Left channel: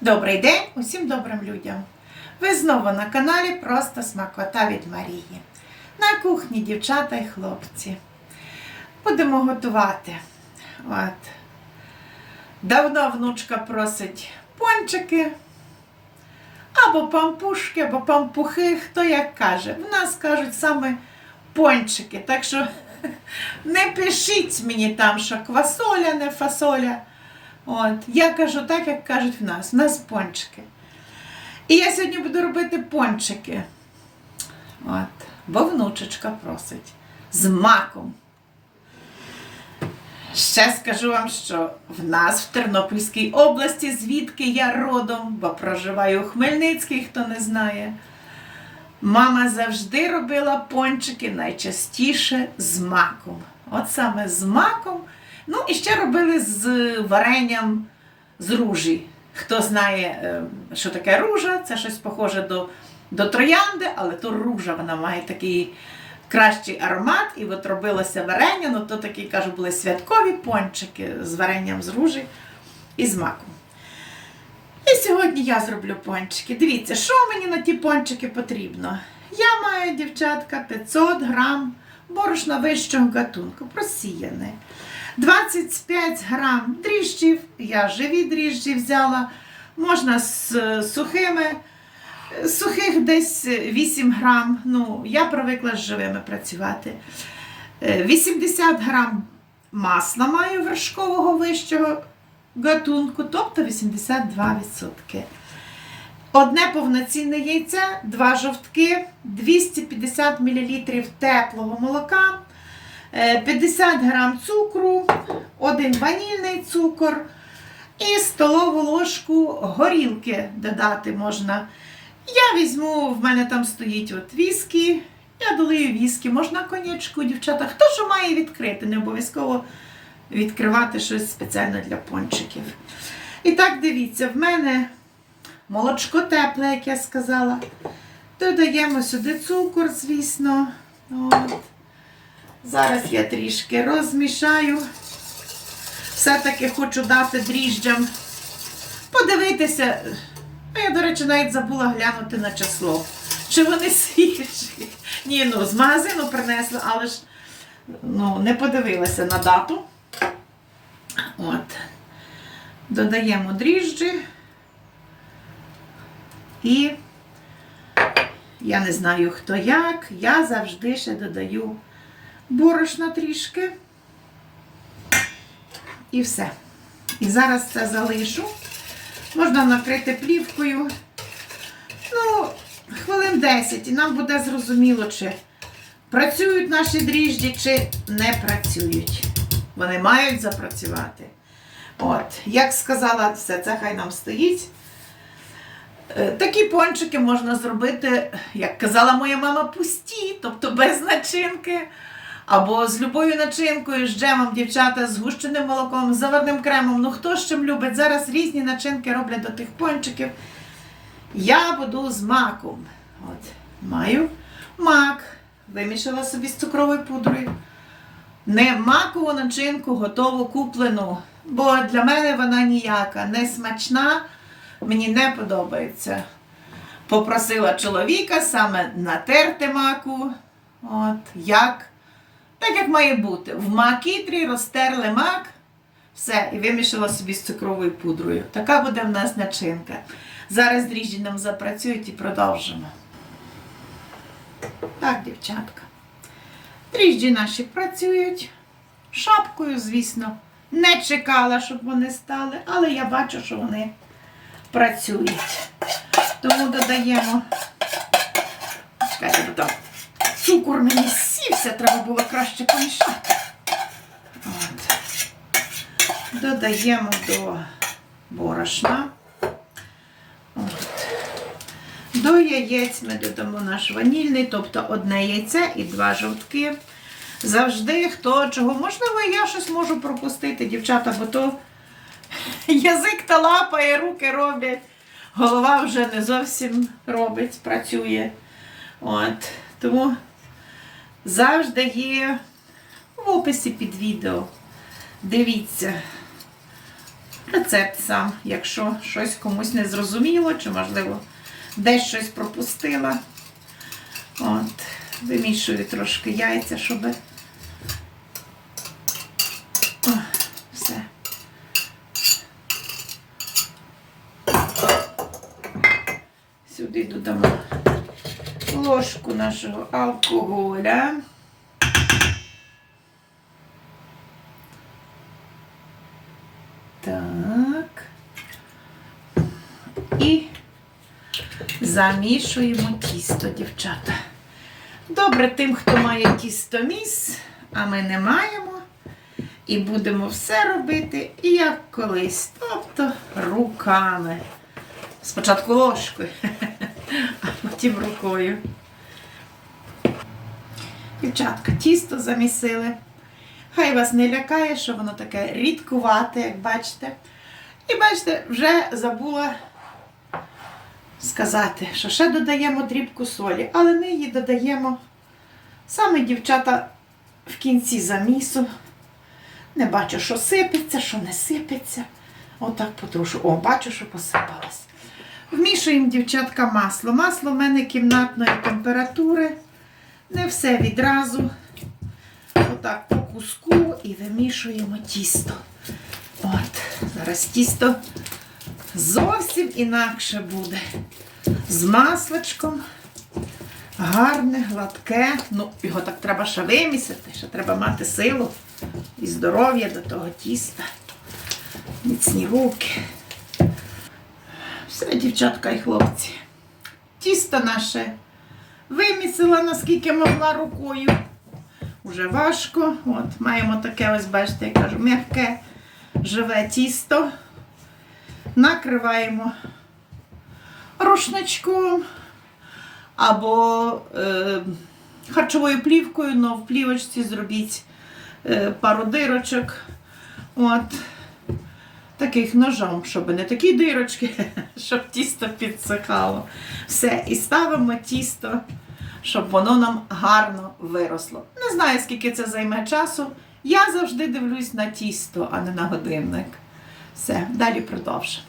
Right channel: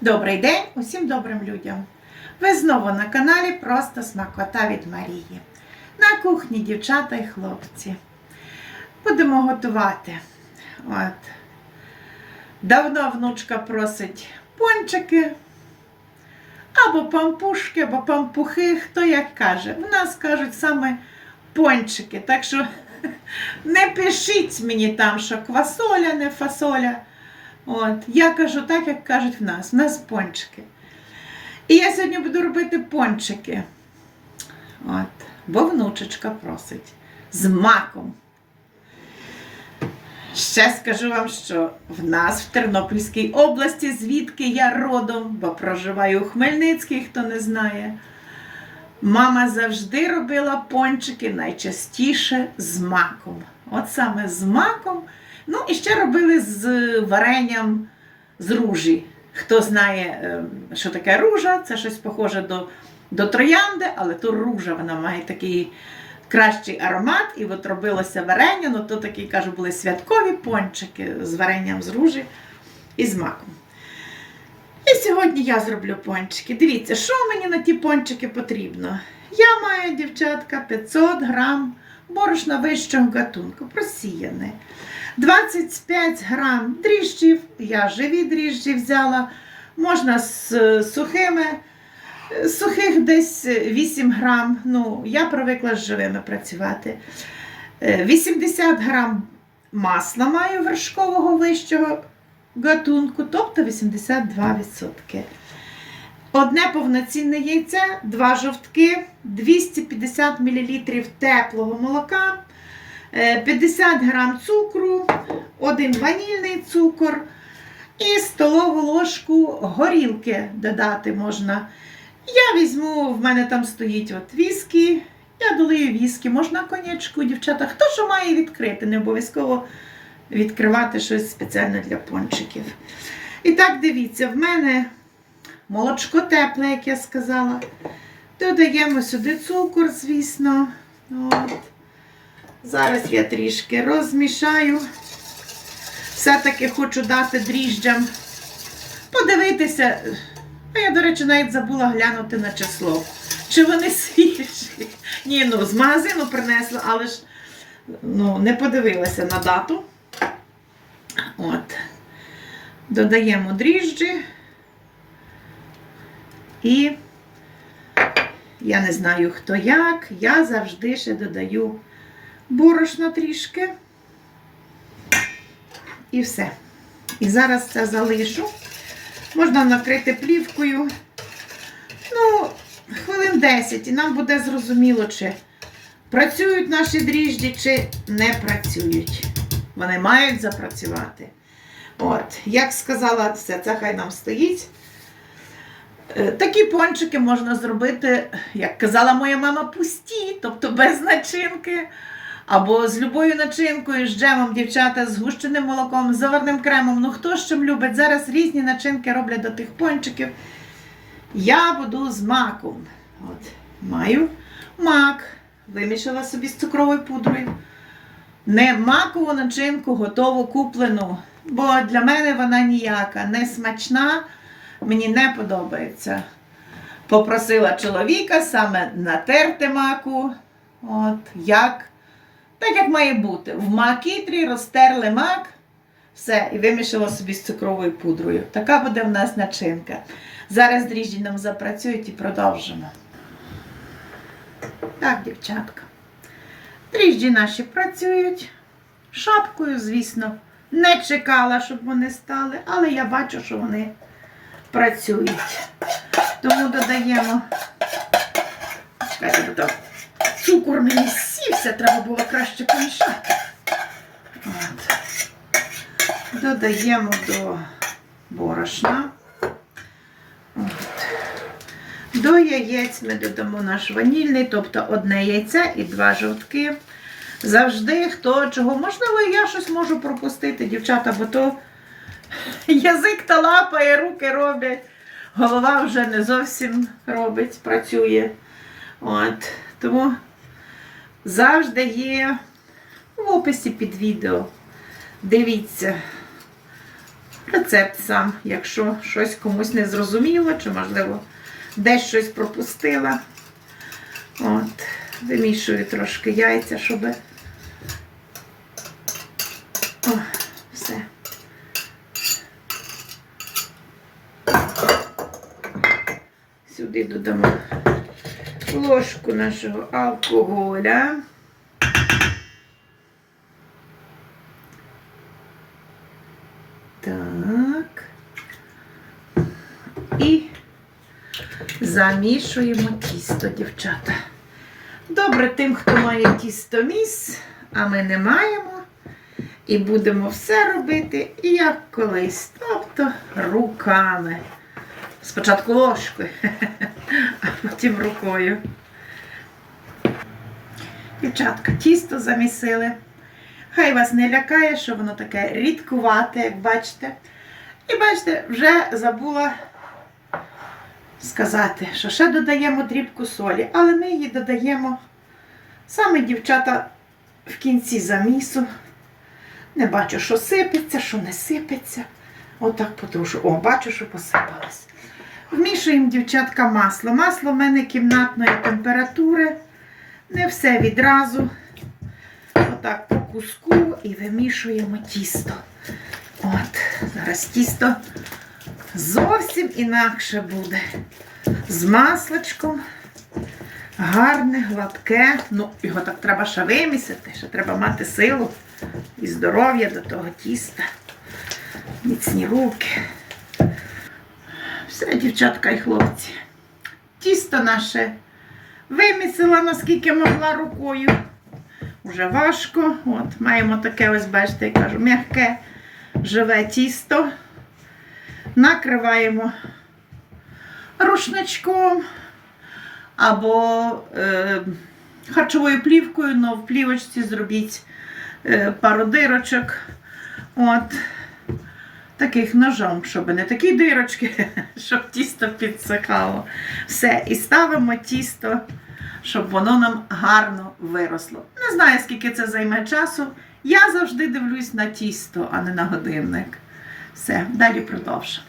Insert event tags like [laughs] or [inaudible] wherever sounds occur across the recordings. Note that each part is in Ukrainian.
Добрий день усім добрим людям. Ви знову на каналі Просто Смакота від Марії. На кухні дівчата і хлопці. Будемо готувати. От. Давно внучка просить пончики, або пампушки, або пампухи, хто як каже. В нас кажуть саме пончики. Так що [laughs] не пишіть мені там, що квасоля, не фасоля. От. Я кажу так, як кажуть в нас. В нас пончики. І я сьогодні буду робити пончики. От. Бо внучечка просить. З маком. Ще скажу вам, що в нас в Тернопільській області, звідки я родом, бо проживаю у Хмельницькій, хто не знає. Мама завжди робила пончики найчастіше з маком. От саме з маком. Ну і ще робили з варенням з ружі. Хто знає, е, що таке ружа, це щось похоже до, до троянди, але то ружа вона має такий кращий аромат. І от робилося варення, ну то такі, кажу, були святкові пончики з варенням з ружі і з маком. І сьогодні я зроблю пончики. Дивіться, що мені на ті пончики потрібно. Я маю, дівчатка, 500 грам борошна вищого гатунку, просіяне. 25 грам дріжджів, я живі дріжджі взяла. Можна з е, сухими, е, сухих десь 8 грам. Ну, я привикла з живими працювати. Е, 80 грам масла маю вершкового вищого гатунку, тобто 82%. Одне повноцінне яйце, два жовтки, 250 мл теплого молока, е, 50 грам цукру, один ванільний цукор і столову ложку горілки додати можна. Я візьму, в мене там стоїть от віскі, я долию віскі, можна конячку, дівчата. Хто що має відкрити, не обов'язково відкривати щось спеціально для пончиків. І так, дивіться, в мене молочко тепле, як я сказала. Додаємо сюди цукор, звісно. От. Зараз я трішки розмішаю. Все-таки хочу дати дріжджам подивитися. А я, до речі, навіть забула глянути на число. Чи вони свіжі? Ні, ну з магазину принесли, але ж ну, не подивилася на дату. От. Додаємо дріжджі. І я не знаю, хто як. Я завжди ще додаю борошна трішки. І все. І зараз це залишу. Можна накрити плівкою. Ну, хвилин 10, і нам буде зрозуміло, чи працюють наші дріжджі, чи не працюють. Вони мають запрацювати. От, як сказала, все, це хай нам стоїть. Е, Такі пончики можна зробити, як казала моя мама, пусті, тобто без начинки. Або з любою начинкою, з джемом, дівчата, з гущеним молоком, з заварним кремом. Ну хто з чим любить. Зараз різні начинки роблять до тих пончиків. Я буду з маком. От, Маю мак. Вимішала собі з цукровою пудрою. Не макову начинку готову куплену, бо для мене вона ніяка, не смачна, мені не подобається. Попросила чоловіка саме натерти маку. От, як, так як має бути. В макітрі розтерли мак, все, і вимішала собі з цукровою пудрою. Така буде в нас начинка. Зараз дріжджі нам запрацюють і продовжимо. Так, дівчатка. Дріжджі наші працюють. Шапкою, звісно, не чекала, щоб вони стали, але я бачу, що вони працюють. Тому додаємо. Чекайте, бо там цукор мені сівся, треба було краще помішати. От. Додаємо до борошна. От. До яєць ми додамо наш ванільний, тобто одне яйце і два жовтки. Завжди хто чого. Можливо, я щось можу пропустити, дівчата, бо то язик та лапає, руки роблять, голова вже не зовсім робить, працює. От. Тому завжди є в описі під відео. Дивіться. Рецепт сам, якщо щось комусь не зрозуміло, чи, можливо, десь щось пропустила. От, вимішую трошки яйця, щоб. О, все. Сюди додамо ложку нашого алкоголя. Так. І замішуємо тісто, дівчата. Добре тим, хто має тістоміс, а ми не маємо. І будемо все робити як колись, тобто руками. Спочатку ложкою, [laughs] а потім рукою. Дівчатка, тісто замісили. Хай вас не лякає, що воно таке рідкувате, як бачите. І бачите, вже забула сказати, що ще додаємо дрібку солі, але ми її додаємо саме дівчата в кінці замісу. Не бачу, що сипеться, що не сипеться. Отак потрушу. О, бачу, що посипалось. Вмішуємо, дівчатка, масло. Масло в мене кімнатної температури. Не все відразу. Отак по куску і вимішуємо тісто. От, зараз тісто зовсім інакше буде. З масличком. Гарне, гладке. Ну, його так треба ще вимісити, ще треба мати силу і здоров'я до того тіста. Міцні руки. Все, дівчатка і хлопці. Тісто наше вимісила, наскільки могла рукою. Уже важко. От, маємо таке, ось, бачите, я кажу, м'яке, живе тісто. Накриваємо рушничком або е, харчовою плівкою, але в плівочці зробіть е, пару дирочок. От. Таких ножом, щоб не такі дирочки, [laughs] щоб тісто підсихало. Все. І ставимо тісто, щоб воно нам гарно виросло. Не знаю, скільки це займе часу. Я завжди дивлюсь на тісто, а не на годинник. Все, далі продовжимо.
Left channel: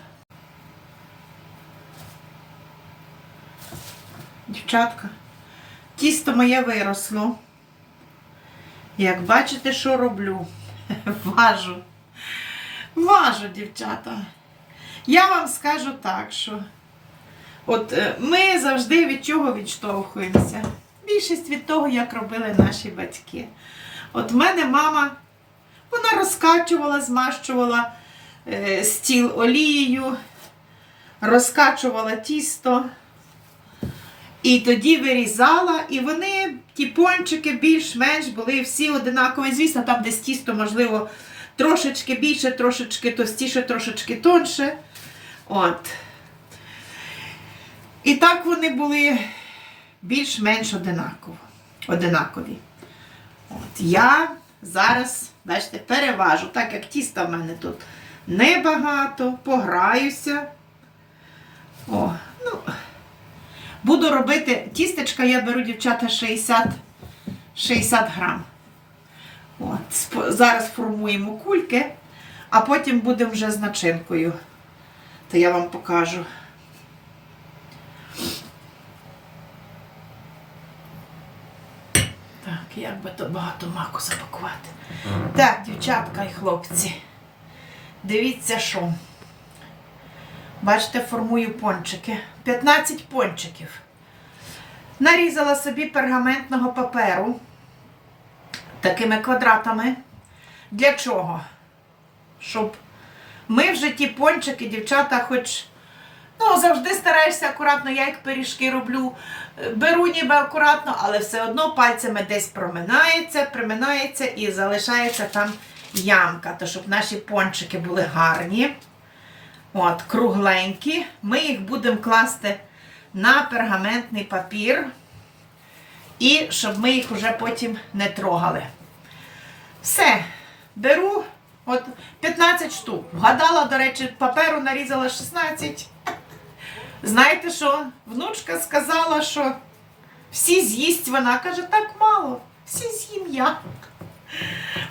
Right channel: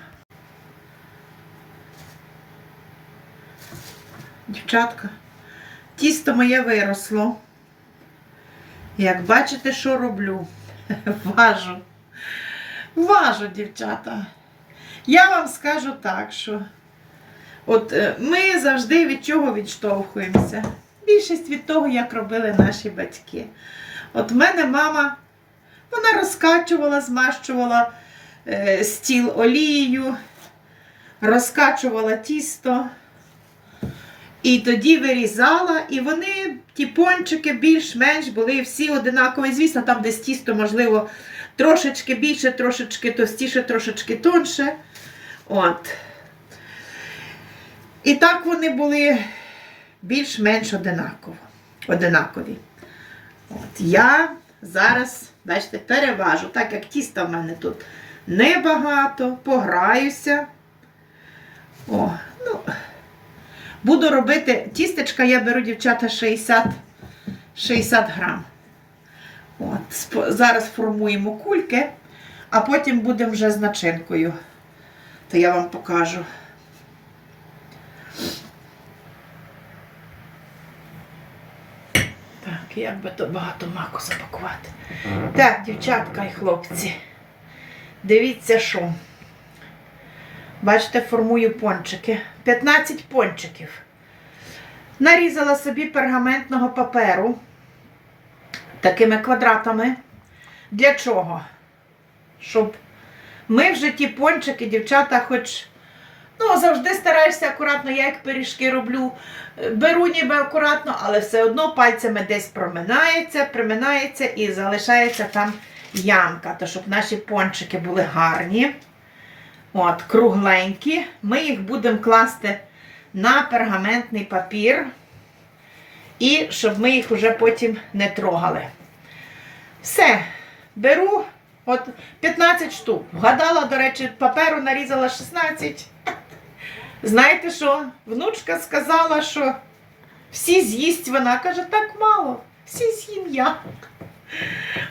Дівчатка, тісто моє виросло. Як бачите, що роблю? [laughs] Важу. Важу, дівчата. Я вам скажу так, що от е, ми завжди від чого відштовхуємося. Більшість від того, як робили наші батьки. От в мене мама, вона розкачувала, змащувала е, стіл олією, розкачувала тісто. І тоді вирізала, і вони, ті пончики, більш-менш були всі одинакові. Звісно, там десь тісто, можливо, трошечки більше, трошечки товстіше, трошечки тонше. От. І так вони були більш-менш одинаково, одинакові. От. Я зараз, бачите, переважу, так як тіста в мене тут небагато, пограюся. О, ну, Буду робити тістечка, я беру, дівчата, 60 60 грам. От, зараз формуємо кульки, а потім будемо вже з начинкою. То я вам покажу. Так, як би то багато маку запакувати. Так, дівчатка і хлопці. Дивіться, що. Бачите, формую пончики. 15 пончиків. Нарізала собі пергаментного паперу такими квадратами. Для чого? Щоб ми вже ті пончики, дівчата, хоч ну, завжди стараєшся акуратно, я як пиріжки роблю. Беру ніби акуратно, але все одно пальцями десь проминається, приминається і залишається там ямка. То щоб наші пончики були гарні. От, кругленькі. Ми їх будемо класти на пергаментний папір. І щоб ми їх вже потім не трогали. Все, беру от 15 штук. Вгадала, до речі, паперу нарізала 16. Знаєте що? Внучка сказала, що всі з'їсть вона. Каже, так мало, всі з'їм я.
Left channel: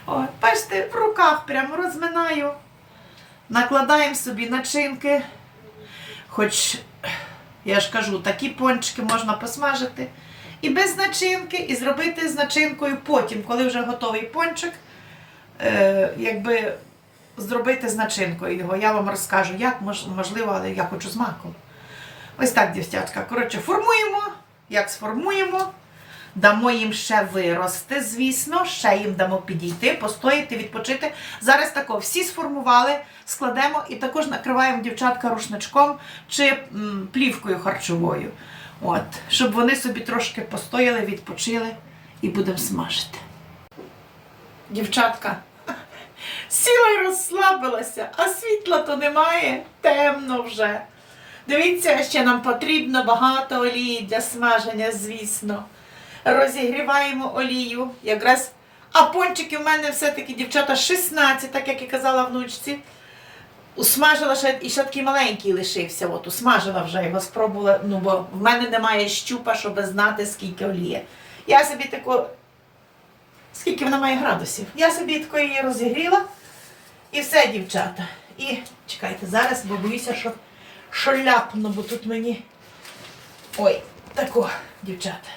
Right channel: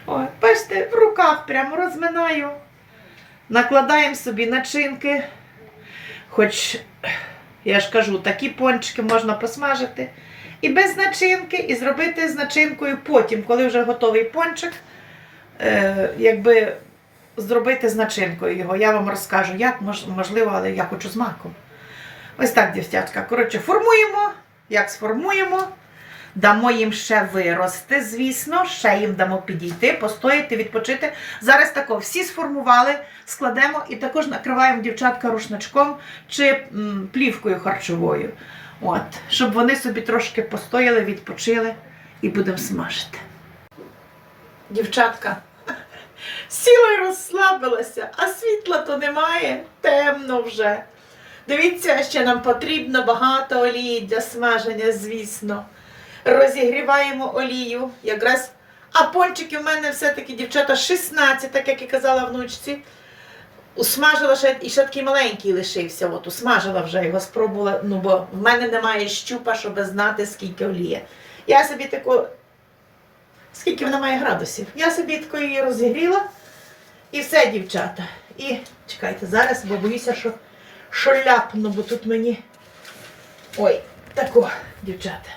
Ой, бачите, в руках прямо розминаю. Накладаємо собі начинки. Хоч, я ж кажу, такі пончики можна посмажити і без начинки, і зробити з начинкою потім, коли вже готовий пончик, е, якби зробити з начинкою його. Я вам розкажу, як можливо, але я хочу з маком. Ось так, дівчатка. Коротше, формуємо, як сформуємо. Дамо їм ще вирости, звісно, ще їм дамо підійти, постояти, відпочити. Зараз тако, всі сформували, складемо і також накриваємо дівчатка рушничком чи м, плівкою харчовою. От, щоб вони собі трошки постояли, відпочили і будемо смажити. Дівчатка, сіла і розслабилася, а світла то немає, темно вже. Дивіться, ще нам потрібно багато олії для смаження, звісно. Розігріваємо олію. Якраз, а пончики в мене все-таки, дівчата, 16, так як і казала внучці. Усмажила ще і ще такий маленький лишився. От усмажила вже його, спробувала. Ну, бо в мене немає щупа, щоб знати, скільки олії. Я собі таку. Скільки вона має градусів? Я собі тако її розігріла. І все, дівчата. І чекайте, зараз, бо боюся, що, що бо тут мені. Ой, тако, дівчата.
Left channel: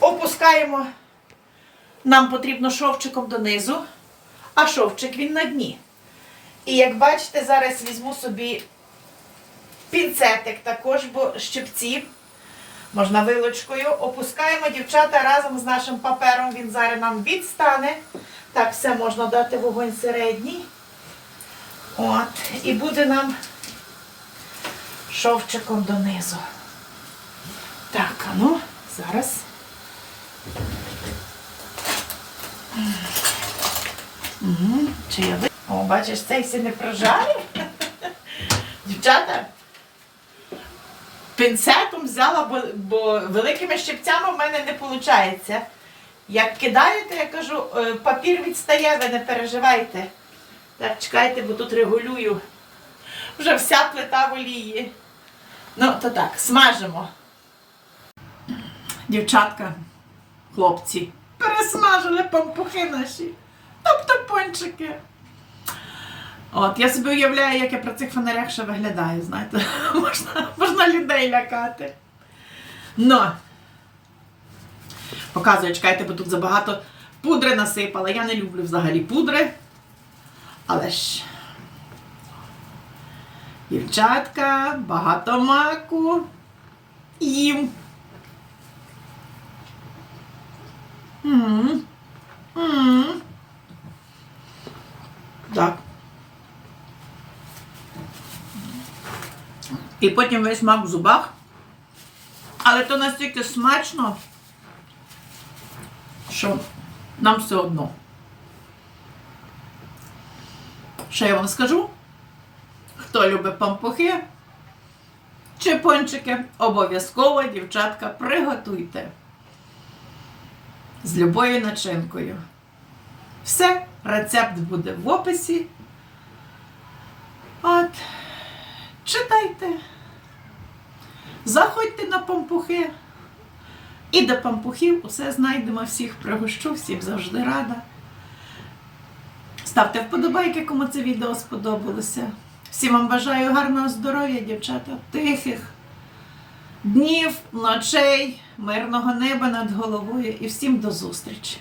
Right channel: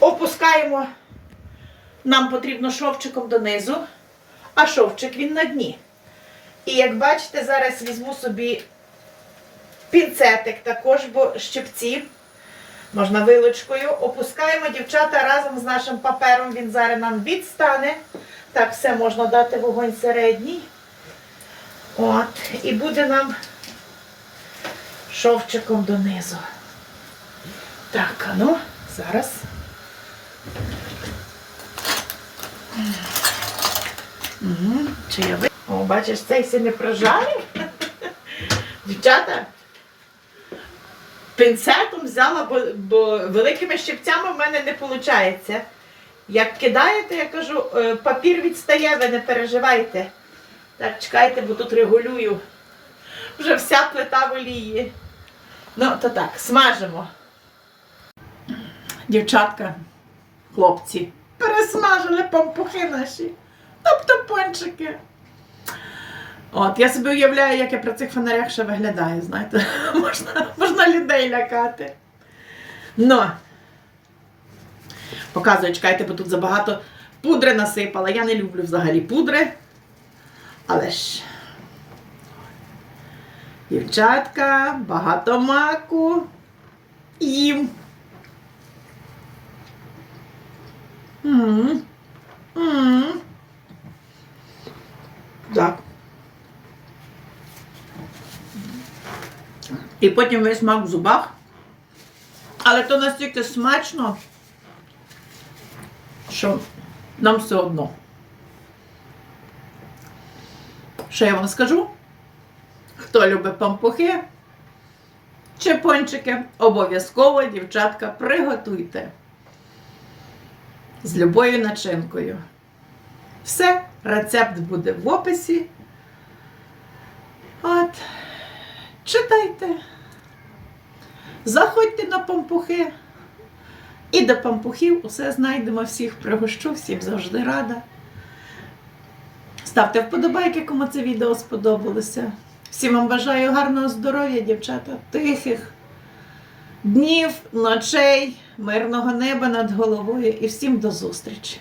Опускаємо. Нам потрібно шовчиком донизу, а шовчик він на дні. І як бачите, зараз візьму собі пінцетик також, бо щипці. Можна вилочкою. Опускаємо дівчата разом з нашим папером. Він зараз нам відстане. Так, все можна дати вогонь середній. От. І буде нам шовчиком донизу. Так, а ну, зараз. Угу. Чи я ви... О, бачиш, цей все не прожарив. [laughs] Дівчата, пінцетом взяла, бо, бо великими щипцями в мене не виходить. Як кидаєте, я кажу, е, папір відстає, ви не переживайте. Так, чекайте, бо тут регулюю. Вже вся плита в олії. Ну, то так, смажимо. Дівчатка, хлопці, пересмажили пампухи наші. Тобто пончики. От, я собі уявляю, як я при цих фонарях ще виглядаю, знаєте, [laughs] можна, можна людей лякати. Ну, показую, чекайте, бо тут забагато пудри насипала. Я не люблю взагалі пудри. Але ж. Дівчатка, багато маку. Їм. М. М. Так. І потім весь мак в зубах. Але то настільки смачно, що нам все одно. Що я вам скажу? Хто любить пампухи чи пончики, обов'язково, дівчатка, приготуйте з любою начинкою. Все, рецепт буде в описі. От, читайте. Заходьте на пампухи. І до пампухів усе знайдемо всіх, пригощу, всіх завжди рада. Ставте вподобайки, кому це відео сподобалося. Всім вам бажаю гарного здоров'я, дівчата, тихих днів, ночей, мирного неба над головою і всім до зустрічі!